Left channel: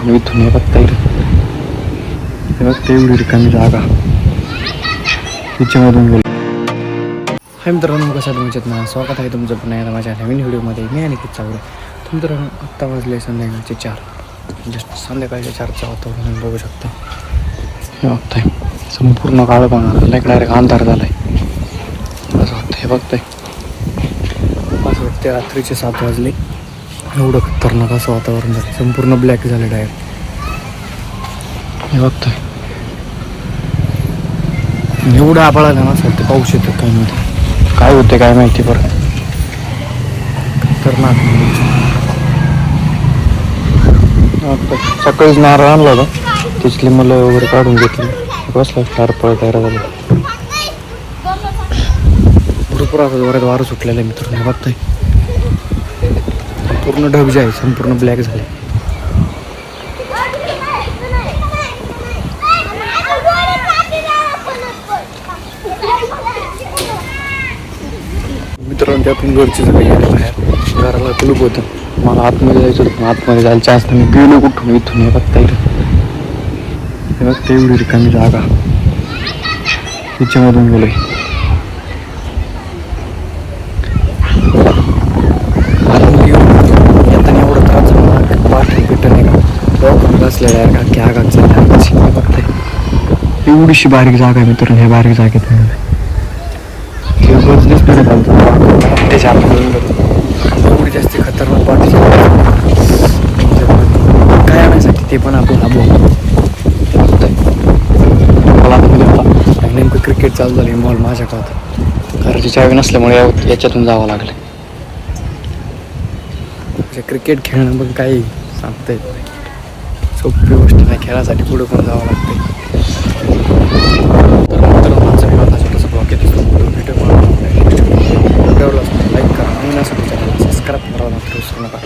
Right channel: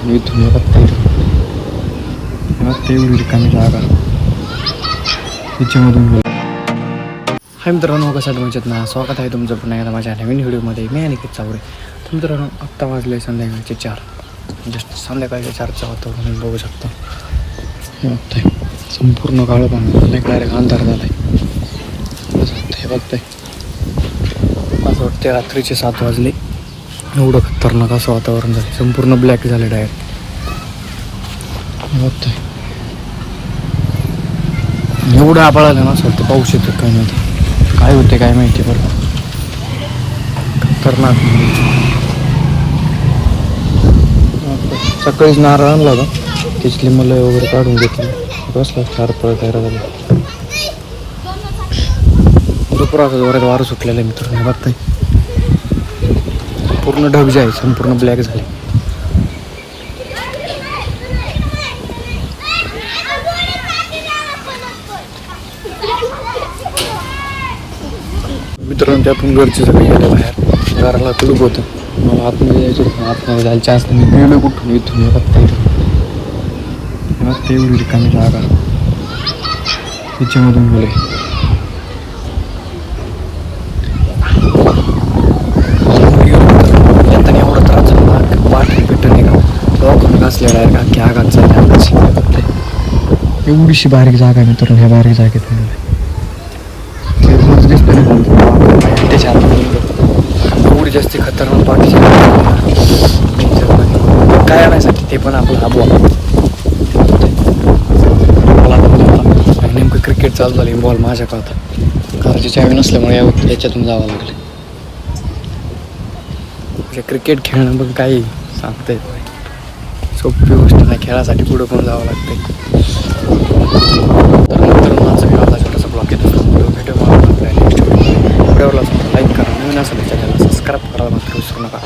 इथून हे बघता येतं, हे बघता एवढी रिकामी जागा तिच्यामधून गेलो. हाय मित्रांनो, कसं तुमच्यात ना स्वागत आहे तुमचं पुन्हा एकदा माझ्या नवीन व्हिडिओमध्ये. मी अनिकेत चावरे. तर मित्रांनो, आत्ता वाजले संध्याकाळचे 4. जस्ट संध्याकाळच्या 4चं वातावरण तुम्ही बघू शकता. हे बघताय संपूर्ण काळं पाहणार डायरेक्ट अंधार झाला आहे असं वाटतं. हे बघताय असं वाटतं रात्रीचे 7 वाजले. एवढं खतरनाक असं वातावरण झालं, संपूर्ण ब्लॅक झालं डायरेक्ट. हे बघताय एवढं आभाळ आलं ना असं वाटतं पाऊस येतं काय नव्हतं. काय होतं काय माहिती, परत खतरनाक. सकाळीच नारळ आणला होता, तिथली मुलं वगैरे काढून घेतली. बसला फार पळत तयार झाली. भरपूर असं जोरात वारं सुटलेलं आहे मित्रांनो. बघताय पूर्ण ढग जे आहे संपूर्ण ब्लॅक झाले. मित्रांनो, त्यातून घरचे सगळे गेले बाहेर. घराला कुलूप होती, मला आतमध्ये जायचं होतं. आतमध्ये जायला चान्स नाही. मी गेलो कुठून इथून. हे बघता येतं, हे बघता एवढी रिकामी जागा तिच्यामधून गेलो. आता एवढा त्रास झाला, बाटली पेट नाही का दवाखाना घासलेला आहे का की आगात चालली. बघते एवढीशी बारीक जागा आहे मित्रांनो. हे बारीक जागेत दिसतं ना पण त्याच्या आतमधून गेलो. एवढी जास्ती खतरनाक पाठीची काय आणायसाठी ते पण आपला बॉल नेमकं क्रिकेट चालू झाली. बॉल माझ्या का होता, घराची चावी नसल्यामुळे याच्यातून जावं लागलं. म्हणजे क्रिकेट खेळणं पण काही सांगता येत नाही, सोपी गोष्ट नाही. खेळासाठी पुढं पण जावं लागतंय. तर मित्रांनो, माझा मी माझा छोटासा ब्लॉग येतो. भेटू मला आपल्या नेक्स्ट व्हिडिओमध्ये. व्हिडिओला लाईक करा, नवीन असेल चॅनलला सबस्क्राईब करायला मात्र विसरू नका.